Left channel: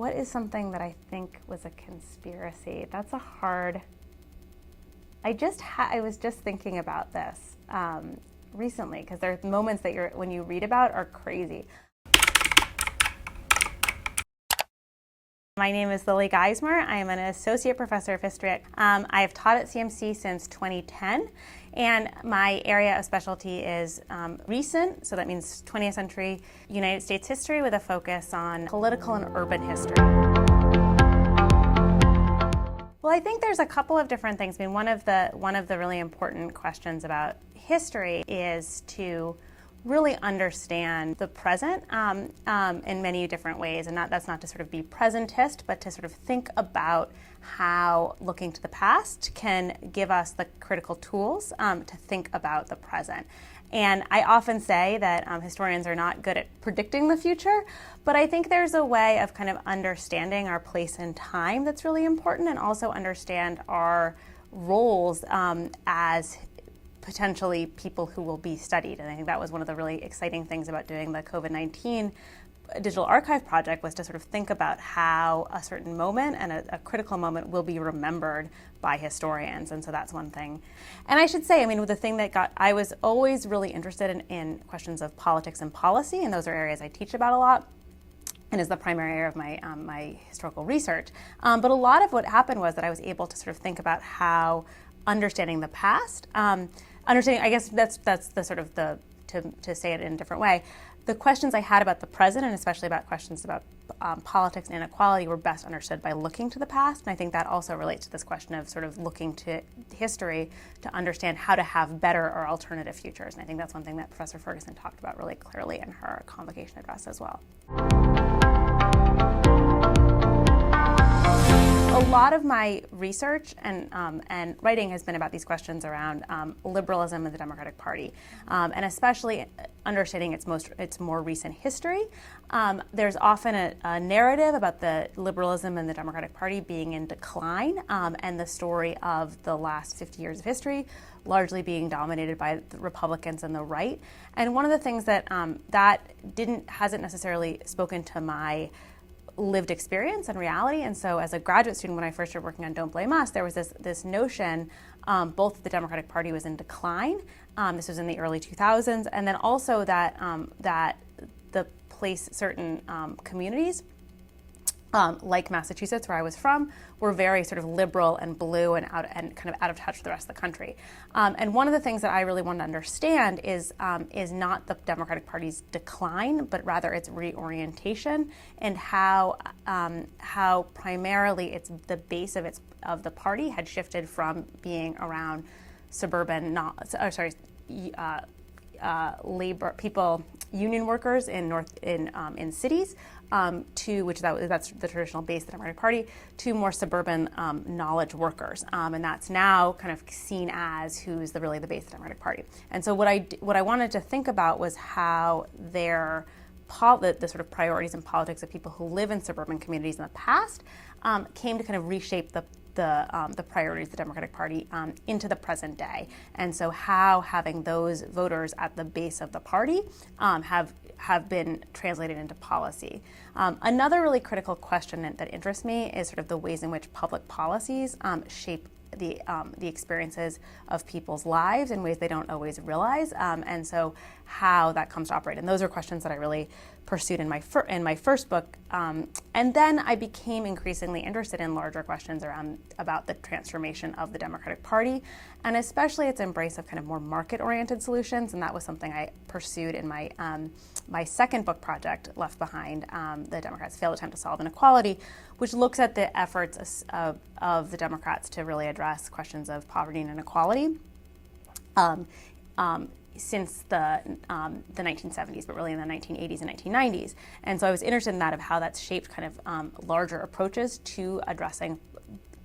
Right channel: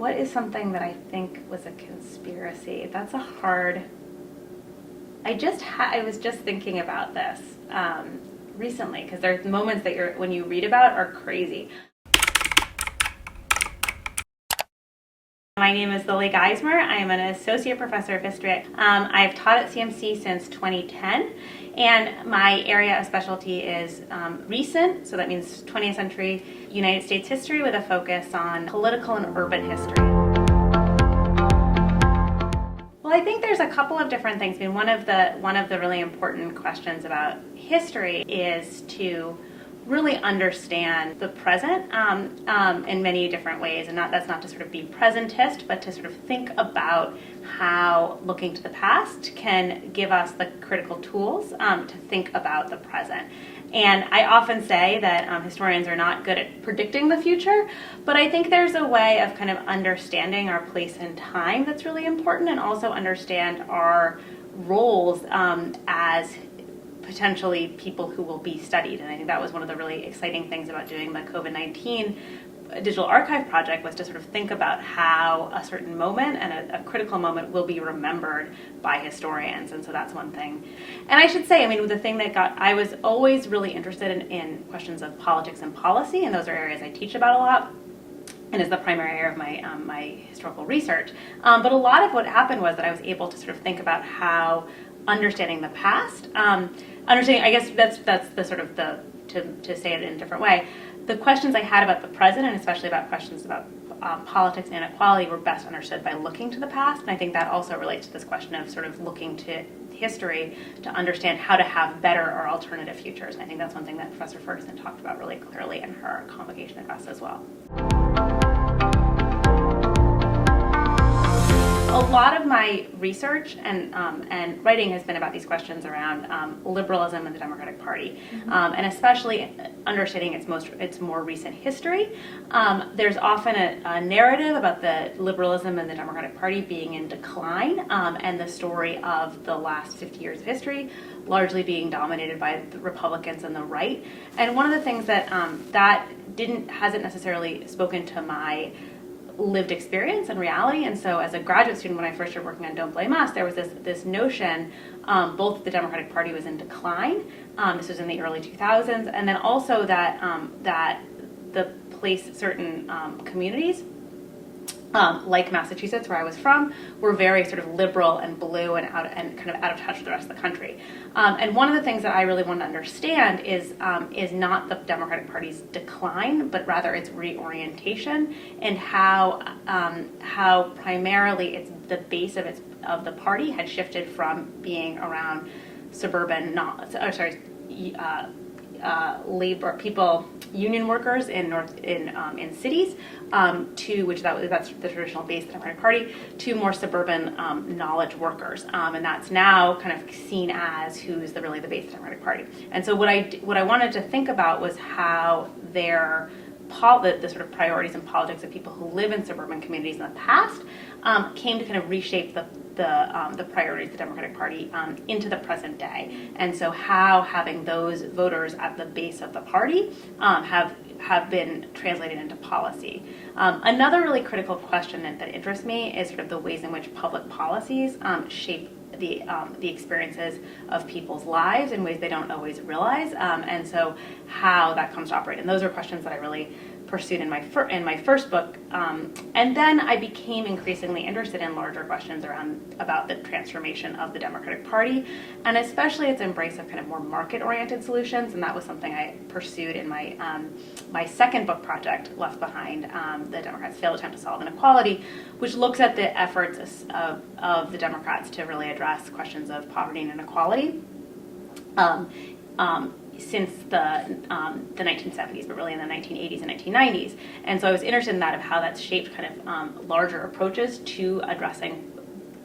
what is something that I think was a conspiracy? That's a hard. I was just thinking about this recently, because there's moments that when you read about are crazy. My name is Professor Geismer. I'm an associate professor of history. I have taught at CMC since 2010, and my area of specialty is recent, so that means 20th century United States history with a focus on political and urban history. Well, I think there's a couple of different things. I mean, one of the really important questions about history is to really understand the present in many different ways, and that's not to sort of be presentist, but to sort of think about how looking to the past can give us the critical tools to think about the present. And I often say that historians are not good at predicting the future, but I think there's a way of kind of understanding our place in time that's really important, and also understand our roles as potentially people who will be studied. And I think that was one of the really exciting things about doing the COVID-19 digital archive project, was to sort of think about how a certain moment and a critical moment will be remembered by historians. And so that's one thing. And I should say, I mean, the thing that I was always really interested in questions of politics and policy, and those are areas I teach about a lot, and is the primary area of my historical research. But a lot of what happened was that I was able to sort of think about how understanding the past, I guess that's the sort of to say it in a different way, the questions I had about the present, and especially about questions about politics and inequality, were best understood by looking to the past. And I think that also relates to this question of sort of looking to history to understand how to have better or alternative futures. And I think that's one thing that Professor Ferguson talked about really clearly in her convocation address as well. A lot of my research and writing has been about these questions around liberalism and the Democratic Party, and especially understanding its more recent history. There's often a narrative about the liberalism and the Democratic Party being in decline, and the story of the last 50 years of history largely being dominated by the Republicans and the right. And one of the things that hasn't necessarily spoken to my lived experience and reality. And so as a graduate student, when I first started working on Don't Blame Us, there was this notion both that the Democratic Party was in decline, this was in the early 2000s, and then also that the place certain communities, like Massachusetts, where I was from, were very sort of liberal and blue and kind of out of touch with the rest of the country. And one of the things that I really want to understand is not the Democratic Party's decline, but rather its reorientation, and how primarily the base of the party had shifted from being around suburban, labor people, union workers in cities, that's the traditional base of the Democratic Party, to more suburban knowledge workers, and that's now kind of seen as who's really the base of the Democratic Party. And so what I wanted to think about was how the sort of priorities and politics of people who live in suburban communities in the past came to kind of reshape the priorities of the Democratic Party into the present day. And so how having those voters at the base of the party have been translated into policy. Another really critical question that interests me is sort of the ways in which public policies shape the experiences of people's lives in ways they don't always realize, and so how that comes to operate. And those are questions that I really pursued in my first book, and then I became increasingly interested in larger questions about the transformation of the Democratic Party, and especially its embrace of kind of more market-oriented solutions. And that was something I pursued in my second book project, Left Behind: The Democrats' Failed Attempt to Solve Inequality, which looks at the efforts of the Democrats to really address questions of poverty and inequality since the 1970s, but really in the 1980s and 1990s. And so I was interested in that, of how that's shaped kind of larger approaches to addressing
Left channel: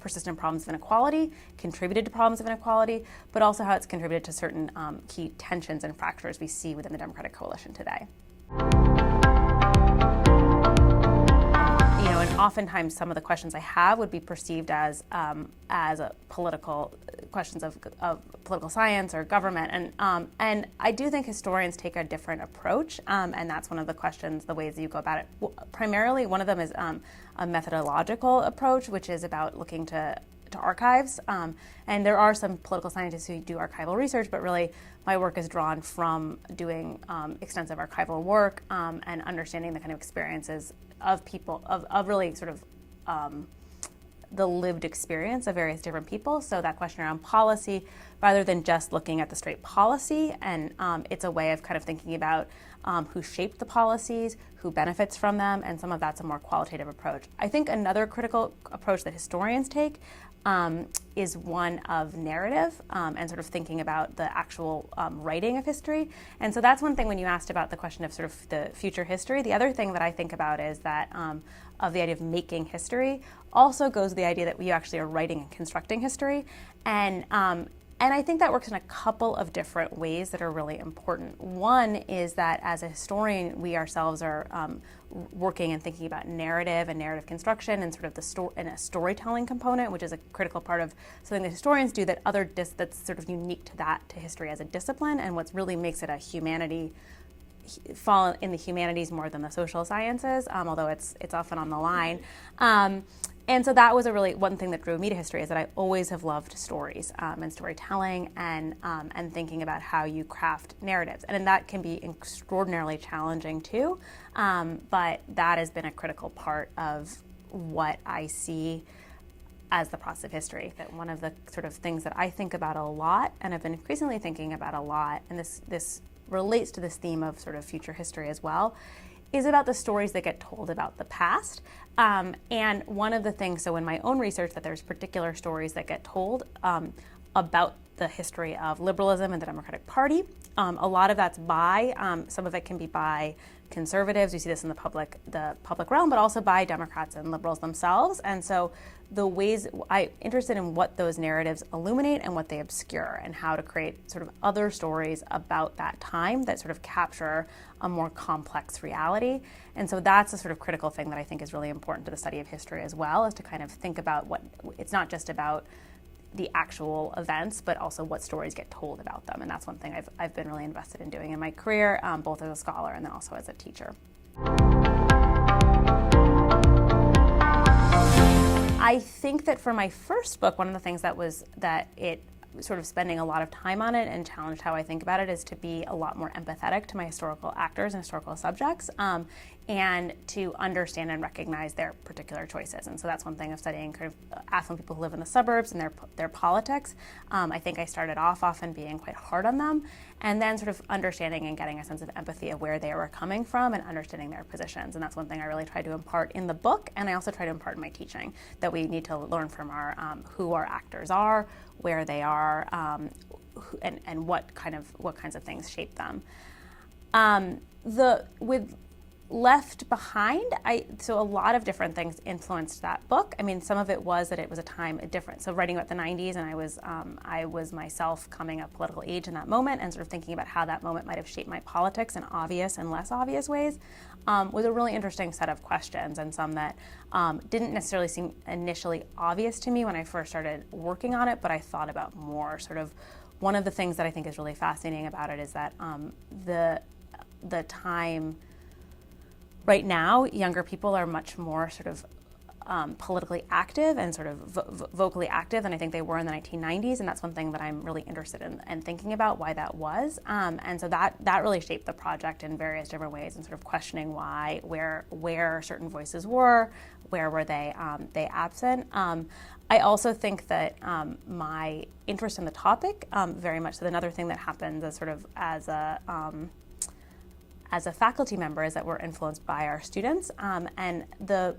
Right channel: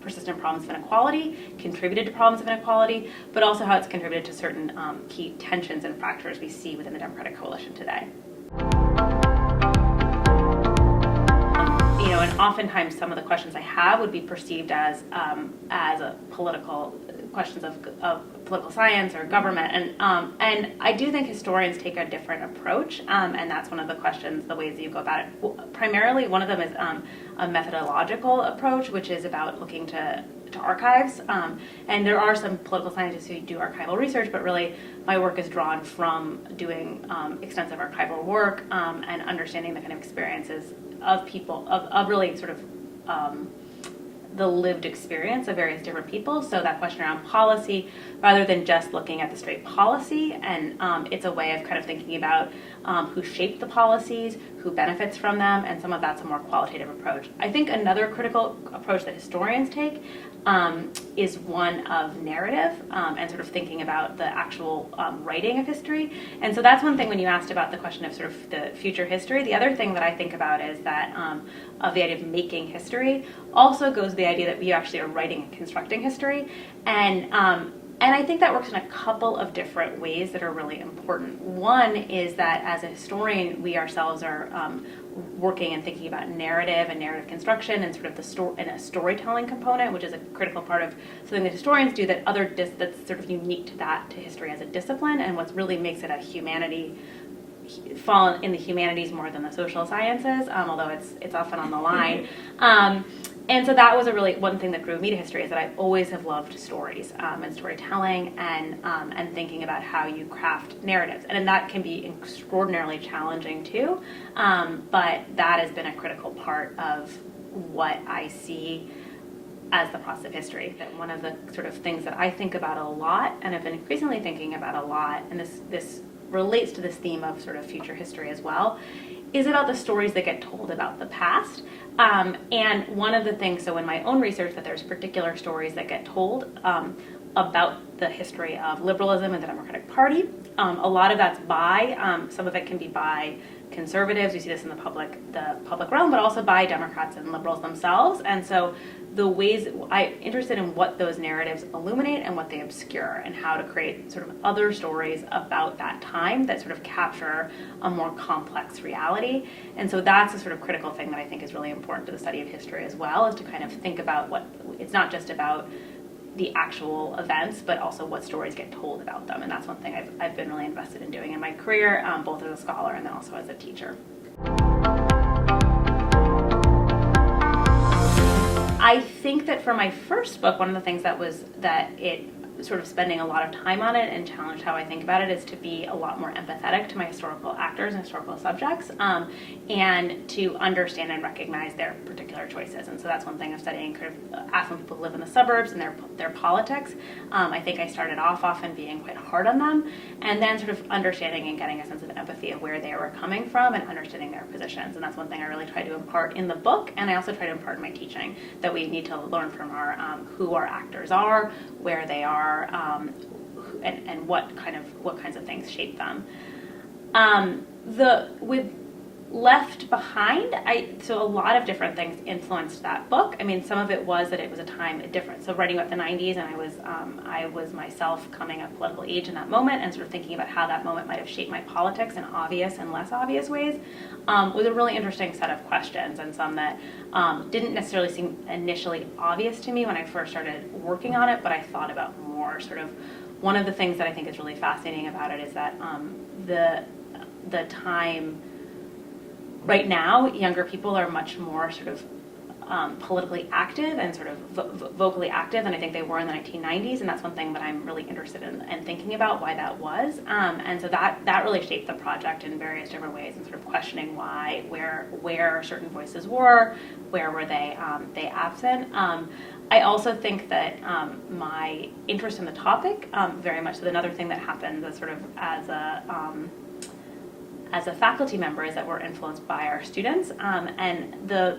persistent problems of inequality, contributed to problems of inequality, but also how it's contributed to certain key tensions and fractures we see within the Democratic coalition today. And oftentimes some of the questions I have would be perceived as a political questions of political science or government, and I do think historians take a different approach, and that's one of the questions, the ways that you go about it. Primarily, one of them is a methodological approach, which is about looking to archives, and there are some political scientists who do archival research, but really my work is drawn from doing extensive archival work and understanding the kind of experiences of people, of really sort of the lived experience of various different people. So that question around policy, rather than just looking at the straight policy, and it's a way of kind of thinking about who shaped the policies, who benefits from them, and some of that's a more qualitative approach. I think another critical approach that historians take is one of narrative and sort of thinking about the actual writing of history. And so that's one thing when you asked about the question of sort of the future history. The other thing that I think about is that of the idea of making history also goes the idea that you actually are writing and constructing history. And I think that works in a couple of different ways that are really important. One is that as a historian, we ourselves are working and thinking about narrative and narrative construction and sort of a storytelling component, which is a critical part of something that historians do that's sort of unique to history as a discipline, and what really makes it a humanity, fall in the humanities more than the social sciences, although it's often on the line. And so that was one thing that drew me to history, is that I always have loved stories and storytelling and thinking about how you craft narratives. And that can be extraordinarily challenging too, but that has been a critical part of what I see as the process of history. That one of the sort of things that I think about a lot, and I've been increasingly thinking about a lot, and this relates to this theme of sort of future history as well, is about the stories that get told about the past. And one of the things, so in my own research, that there's particular stories that get told about the history of liberalism and the Democratic Party. A lot of that's some of it can be by conservatives. We see this in the public realm, but also by Democrats and liberals themselves. And so the ways I'm interested in what those narratives illuminate and what they obscure, and how to create sort of other stories about that time that sort of capture a more complex reality. And so that's a sort of critical thing that I think is really important to the study of history as well, is to kind of think about it's not just about the actual events, but also what stories get told about them. And that's one thing I've been really invested in doing in my career, both as a scholar and then also as a teacher. I think that for my first book, one of the things that it sort of spending a lot of time on it and challenged how I think about it is to be a lot more empathetic to my historical actors and historical subjects, and to understand and recognize their particular choices. And so that's one thing of studying kind of affluent people who live in the suburbs and their politics. I think I started off often being quite hard on them, and then sort of understanding and getting a sense of empathy of where they were coming from and understanding their positions. And that's one thing I really try to impart in the book, and I also try to impart in my teaching, that we need to learn from who our actors are, where they are, and what kinds of things shape them. With Left Behind, so a lot of different things influenced that book. I mean, some of it was that it was a time different. So writing about the 90s, and I was myself coming of political age in that moment, and sort of thinking about how that moment might have shaped my politics in obvious and less obvious ways, was a really interesting set of questions, and some that didn't necessarily seem initially obvious to me when I first started working on it, but I thought about more. Sort of one of the things that I think is really fascinating about it is that the time. Right now, younger people are much more sort of politically active and sort of vocally active than I think they were in the 1990s, and that's one thing that I'm really interested in and thinking about why that was. And so that really shaped the project in various different ways, and sort of questioning where certain voices were, where were they absent. I also think that my interest in the topic very much. So another thing that happens as a faculty member is that we're influenced by our students, and the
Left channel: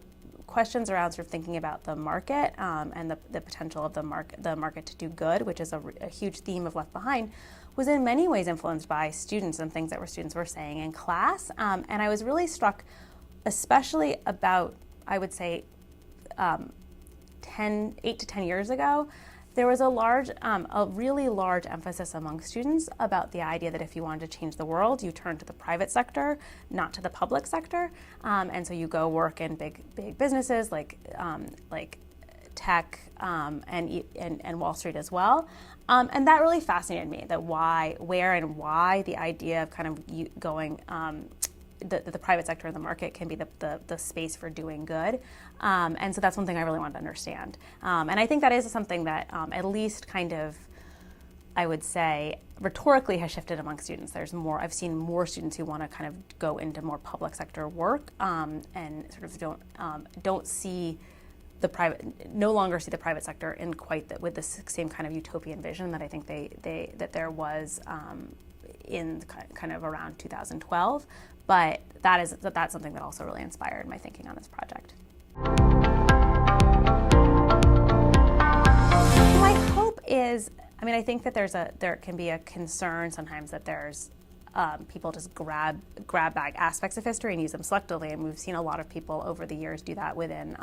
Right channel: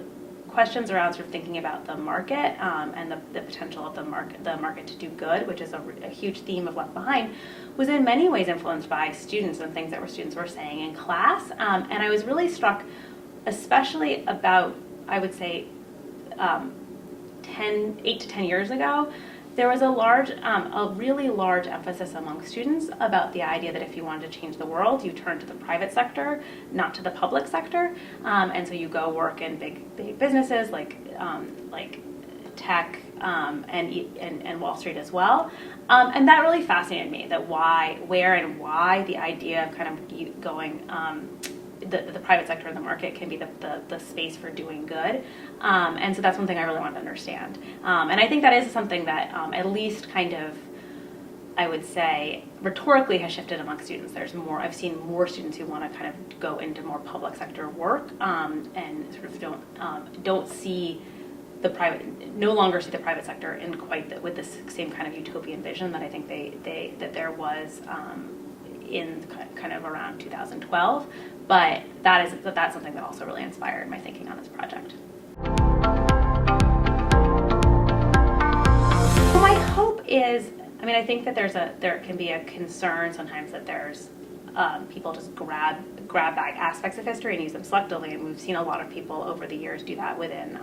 questions around sort of thinking about the market and the potential of the market to do good, which is a huge theme of Left Behind, was in many ways influenced by students and things that students were saying in class. And I was really struck, especially about, I would say, 8 to 10 years ago, there was a really large emphasis among students about the idea that if you wanted to change the world, you turn to the private sector, not to the public sector. And so you go work in big businesses like tech, and Wall Street as well. And that really fascinated me, that why the idea of kind of going, the private sector and the market can be the space for doing good. And so that's one thing I really wanted to understand. And I think that is something that at least kind of, I would say, rhetorically has shifted among students. I've seen more students who want to kind of go into more public sector work, and sort of don't see no longer see the private sector in quite with the same kind of utopian vision that I think that there was in kind of around 2012. But that's something that also really inspired my thinking on this project. My hope is, I think that there can be a concern sometimes that there's people just grab back aspects of history and use them selectively, and we've seen a lot of people over the years do that within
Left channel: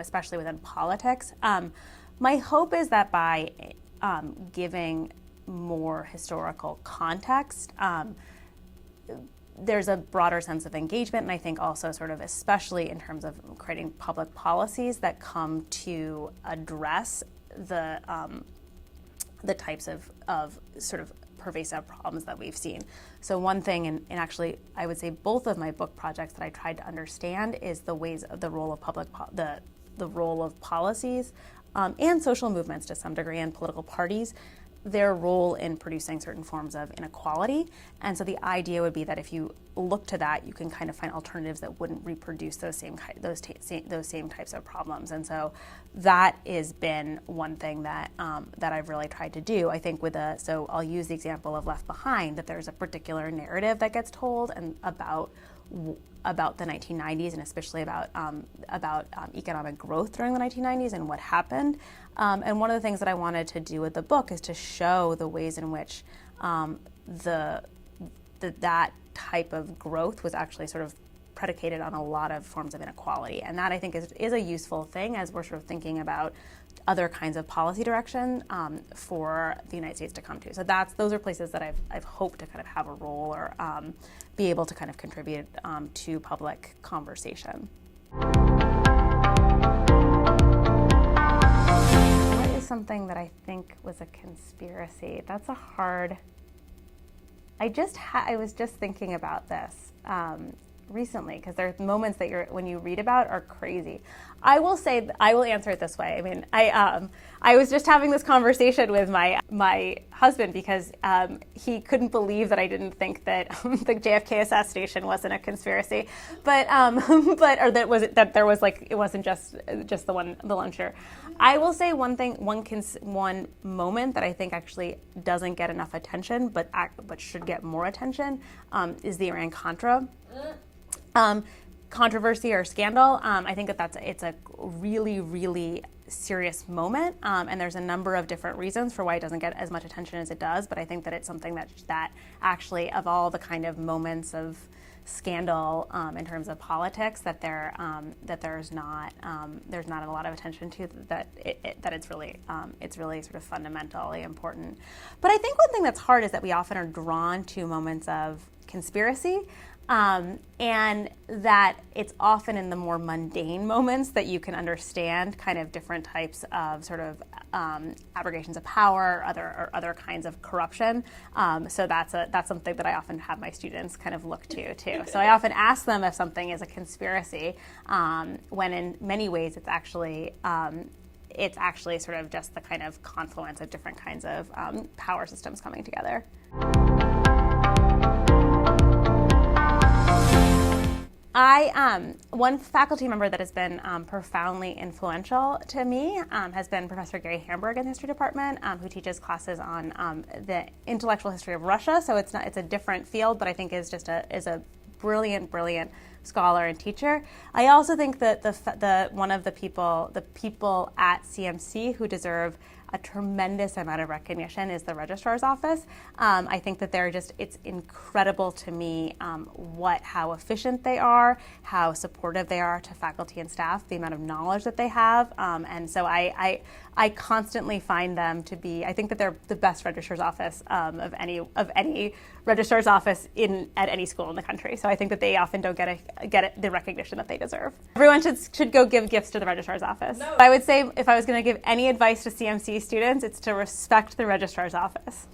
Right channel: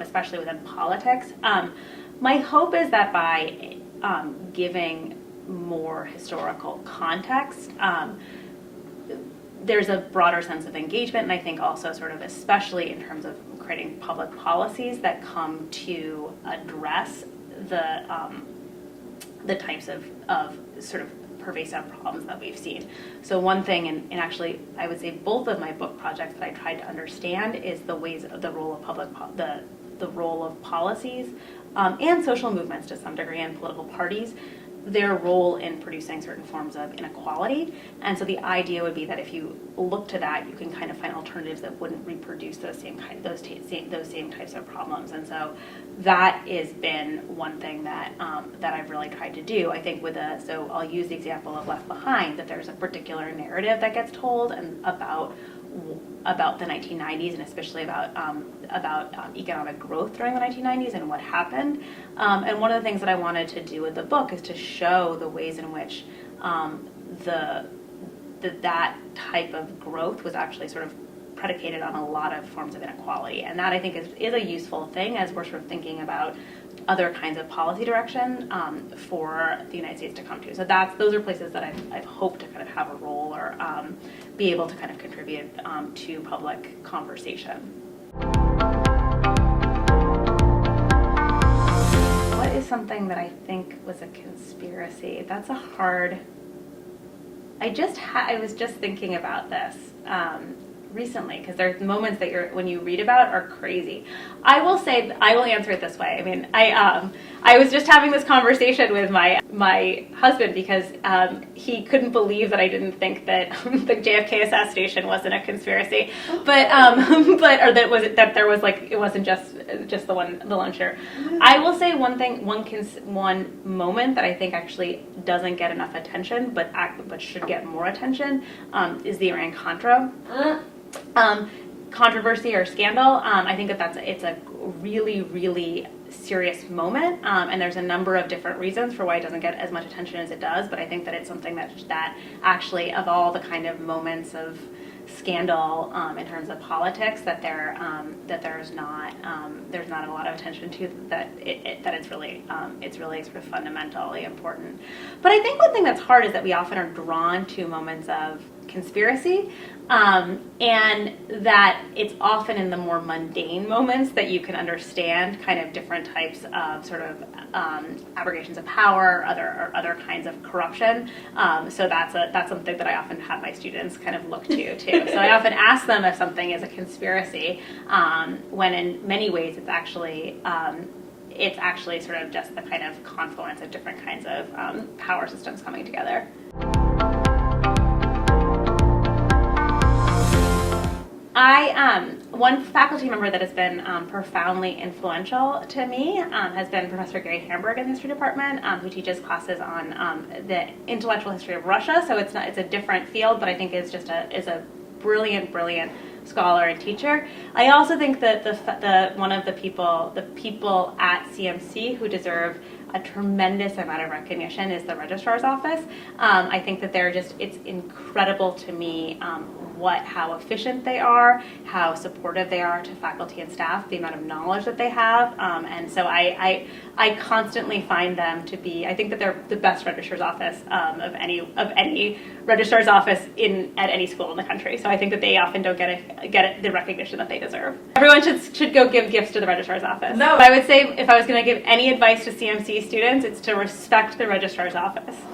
especially within politics. My hope is that by giving more historical context, there's a broader sense of engagement, and I think also sort of especially in terms of creating public policies that come to address the types of sort of pervasive problems that we've seen. So one thing, and actually I would say both of my book projects that I tried to understand is the role of policies and social movements to some degree, and political parties, their role in producing certain forms of inequality. And so the idea would be that if you look to that, you can kind of find alternatives that wouldn't reproduce those same types of problems. And so that has been one thing that I've really tried to do. I think so I'll use the example of Left Behind, that there's a particular narrative that gets told and about the 1990s, and especially about economic growth during the 1990s and what happened. And one of the things that I wanted to do with the book is to show the ways in which that type of growth was actually sort of predicated on a lot of forms of inequality. And that I think is a useful thing as we're sort of thinking about other kinds of policy direction for the United States to come to. So those are places that I've hoped to kind of have a role or be able to kind of contribute to public conversation. What is something that I think was a conspiracy? That's a hard... I was just thinking about this recently, because there's moments that when you read about are crazy. I will answer it this way. I was just having this conversation with my husband because he couldn't believe that I didn't think that the JFK assassination wasn't a conspiracy, but or that there was it wasn't just the lone shooter. I will say one thing, one moment that I think actually doesn't get enough attention, but should get more attention, is the Iran-Contra controversy or scandal. I think it's a really, really serious moment, and there's a number of different reasons for why it doesn't get as much attention as it does, but I think that it's something that actually, of all the kind of moments of scandal in terms of politics, that there's not a lot of attention to, that it's really sort of fundamentally important. But I think one thing that's hard is that we often are drawn to moments of conspiracy, and that it's often in the more mundane moments that you can understand kind of different types of sort of abrogations of power, or other kinds of corruption. So that's something that I often have my students kind of look to too. So I often ask them if something is a conspiracy, when in many ways it's actually sort of just the kind of confluence of different kinds of power systems coming together. One faculty member that has been profoundly influential to me has been Professor Gary Hamburg in the history department, who teaches classes on the intellectual history of Russia. So it's a different field, but I think is a brilliant scholar and teacher. I also think that one of the people at CMC who deserve a tremendous amount of recognition is the registrar's office. I think that it's incredible to me how efficient they are, how supportive they are to faculty and staff, the amount of knowledge that they have. And so I constantly find them to be, I think that they're the best registrar's office of any registrar's office at any school in the country. So I think that they often don't get the recognition that they deserve. Everyone should go give gifts to the registrar's office. No. But I would say if I was going to give any advice to CMC students, it's to respect the registrar's office.